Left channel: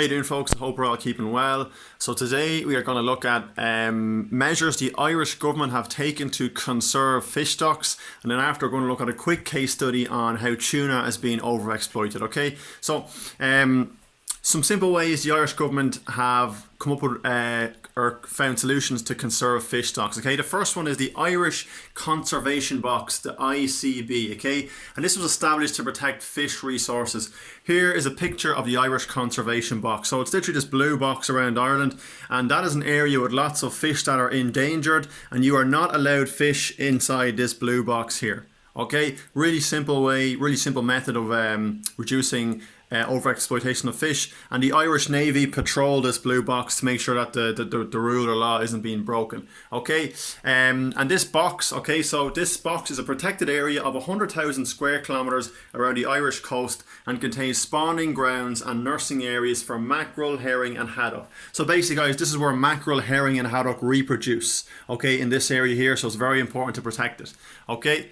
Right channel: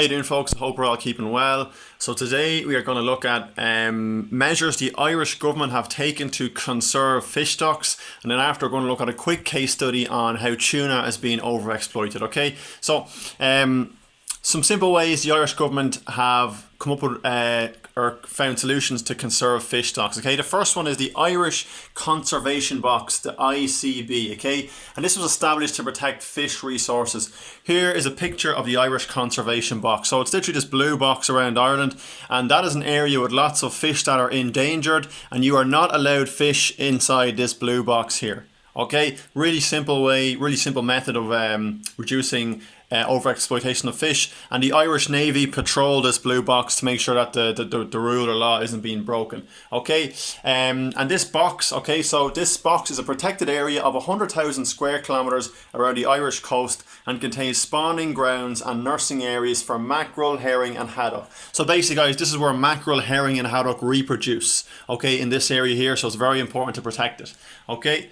How you doing, folks? I hope we're all keeping well. So today we are going to look at measures the Irish government have taken to conserve fish stocks, and then after we're going to look at a quick case study on how tuna is being overexploited. Okay, so some simple ways the Irish government have come up with or found solutions to conserve fish stocks. Okay, the first one is the Irish Conservation Box, the ICB. Okay, and this was established to protect fish resources. Here is a picture of the Irish Conservation Box. So it's literally this blue box around Ireland, and that is an area with lots of fish that are endangered, and you are not allowed fish inside this blue box here. Okay, really simple way, really simple method of reducing overexploitation of fish, and the Irish Navy patrol this blue box to make sure that the rule or law isn't being broken. Okay, and this box, okay, so this box is a protected area of 100,000 square kilometres around the Irish coast and contains spawning grounds and nursing areas for mackerel, herring and haddock. So basically, guys, this is where mackerel, herring and haddock reproduce, okay, in this area here, so it's very important to protect it. Okay,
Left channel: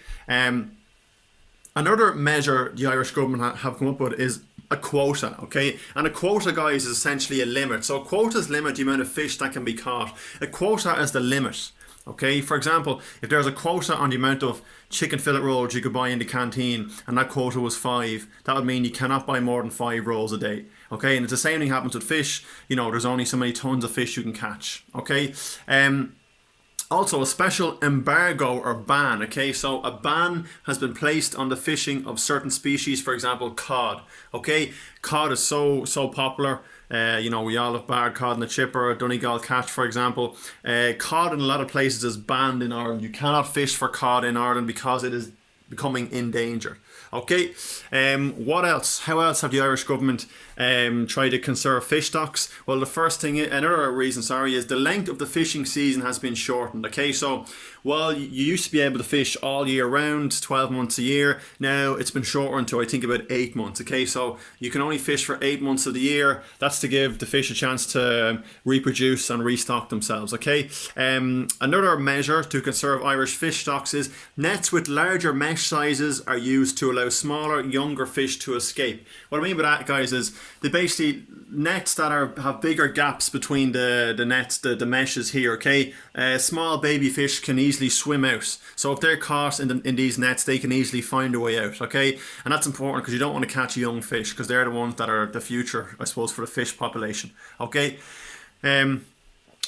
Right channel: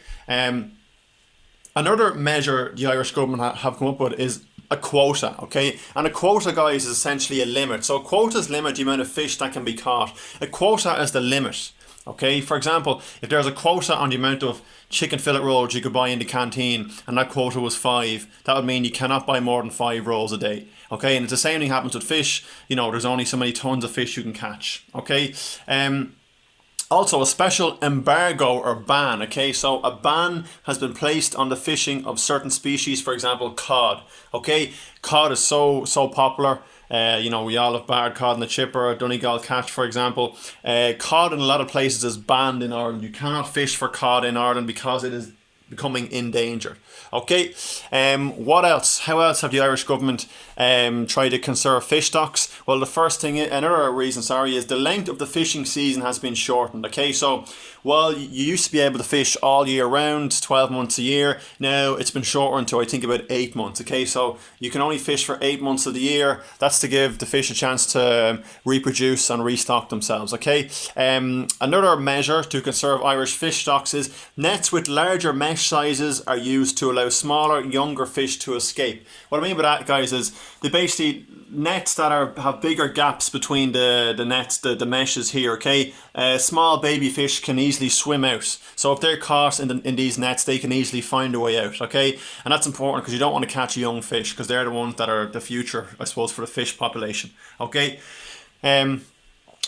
another measure the Irish government have come up with is a quota, okay? And a quota, guys, is essentially a limit. So quotas limit the amount of fish that can be caught. A quota is the limit, okay? For example, if there's a quota on the amount of chicken fillet rolls you could buy in the canteen and that quota was 5, that would mean you cannot buy more than 5 rolls a day, okay? And it's the same thing happens with fish. You know, there's only so many tons of fish you can catch, okay? Also, a special embargo or ban, okay? So a ban has been placed on the fishing of certain species, for example, cod, okay? Cod is so popular. You know, we all have barred cod in the chipper, Donegal catch, for example. Cod in a lot of places is banned in Ireland. You cannot fish for cod in Ireland because it is becoming endangered. Okay, what else? How else have the Irish government tried to conserve fish stocks? Well, the first thing, another reason, is the length of the fishing season has been shortened. Okay, so while you used to be able to fish all year round, 12 months a year, now it's been shortened to, I think, about 8 months. Okay, so you can only fish for 8 months of the year. That's to give the fish a chance to reproduce and restock themselves. Okay, another measure to conserve Irish fish stocks is nets with larger mesh sizes are used to allow smaller, younger fish to escape. What I mean by that, guys, is they basically nets that have bigger gaps between the nets, the meshes here. Okay, small baby fish can easily swim out. So if they're caught in these nets, they can easily find a way out. Okay, and that's important because you don't want to catch young fish because they're the ones that are the future, I suppose, for the fish population. Okay.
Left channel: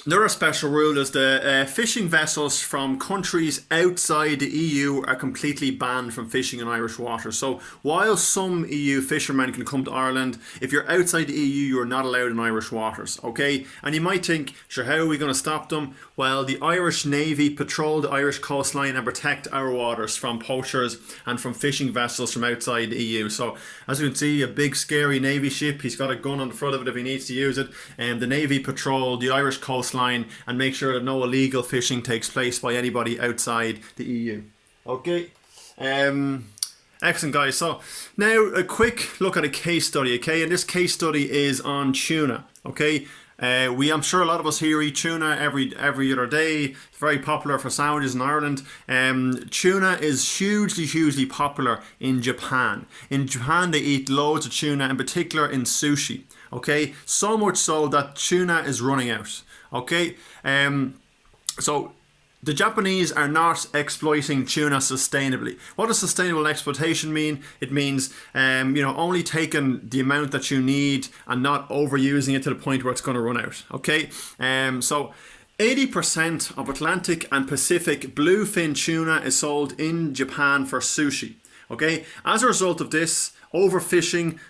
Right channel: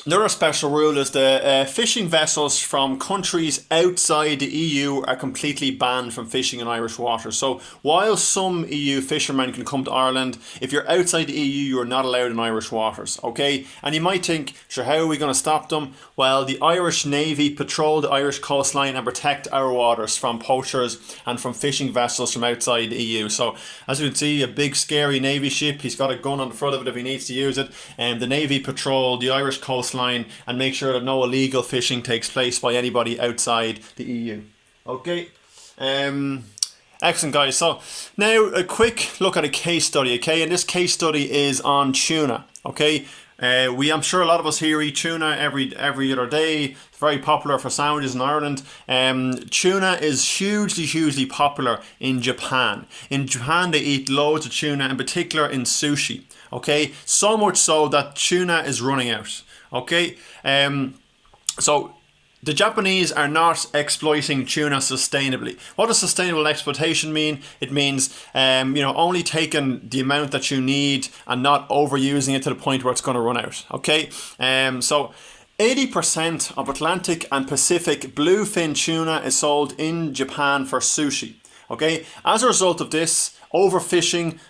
Another special rule is the fishing vessels from countries outside the EU are completely banned from fishing in Irish waters. So while some EU fishermen can come to Ireland, if you're outside the EU, you're not allowed in Irish waters, okay? And you might think, sure, how are we going to stop them? Well, the Irish Navy patrol the Irish coastline and protect our waters from poachers and from fishing vessels from outside the EU. So as you can see, a big scary Navy ship, he's got a gun on the front of it if he needs to use it, and the Navy patrol the Irish coastline and make sure that no illegal fishing takes place by anybody outside the EU. Okay, excellent, guys. So now a quick look at a case study. Okay, and this case study is on tuna. Okay, I'm sure a lot of us here eat tuna every other day. It's very popular for sandwiches in Ireland. Tuna is hugely popular in Japan. In Japan, they eat loads of tuna, in particular in sushi. Okay, so much so that tuna is running out. Okay, so the Japanese are not exploiting tuna sustainably. What does sustainable exploitation mean? It means, only taking the amount that you need and not overusing it to the point where it's going to run out. Okay, so 80% of Atlantic and Pacific bluefin tuna is sold in Japan for sushi. Okay, as a result of this overfishing,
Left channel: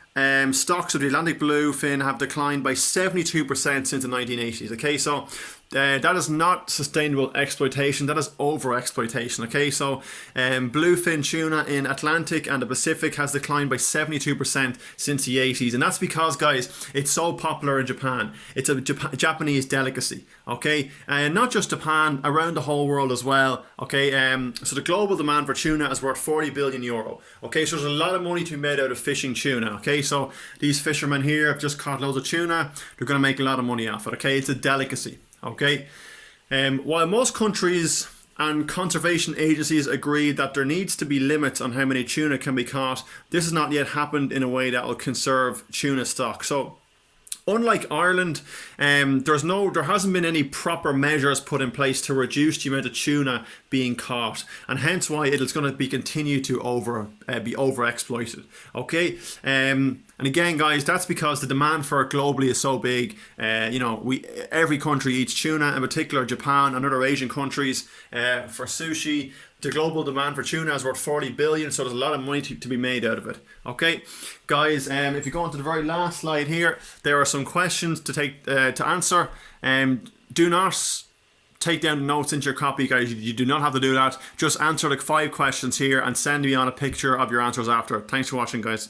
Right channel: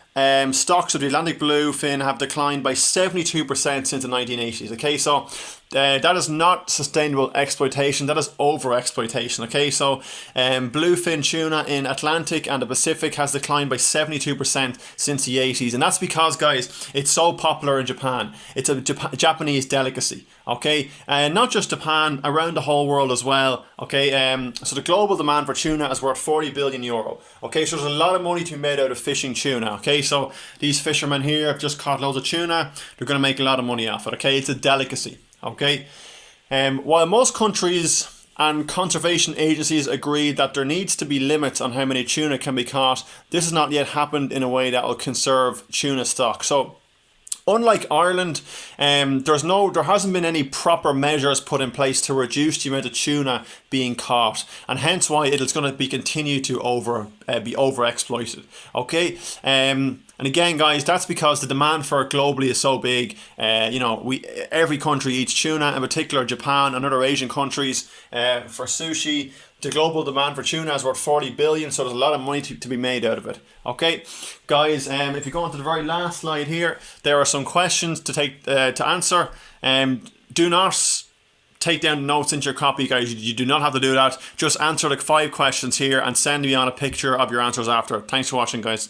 stocks of the Atlantic bluefin have declined by 72% since the 1980s. Okay, so that is not sustainable exploitation, that is over-exploitation. Okay, so bluefin tuna in Atlantic and the Pacific has declined by 72% since the 80s, and that's because, guys, it's so popular in Japan. It's a Japanese delicacy. Okay, and not just Japan, around the whole world as well. Okay, so the global demand for tuna is worth 40 billion euro. Okay, so there's a lot of money to be made out of fishing tuna. Okay, so these fishermen here have just caught loads of tuna. They're going to make a lot of money off it. Okay, it's a delicacy. Okay, while most countries and conservation agencies agree that there needs to be limits on how many tuna can be caught, this has not yet happened in a way that will conserve tuna stock. So Unlike Ireland, there hasn't been any proper measures put in place to reduce the amount of tuna being caught, and hence why it's going to be continue to be overexploited. Okay, and again, guys, that's because the demand for it globally is so big. Every country eats tuna, in particular Japan and other Asian countries for sushi. The global demand for tuna is worth 40 billion, so there's a lot of money to be made out of it. Okay, guys, if you go on to the very last slide here, there are some questions to answer. Do not take down notes into your copy, guys. You do not have to do that. Just answer like 5 questions here and send me on a picture of your answers after. Thanks for watching, guys.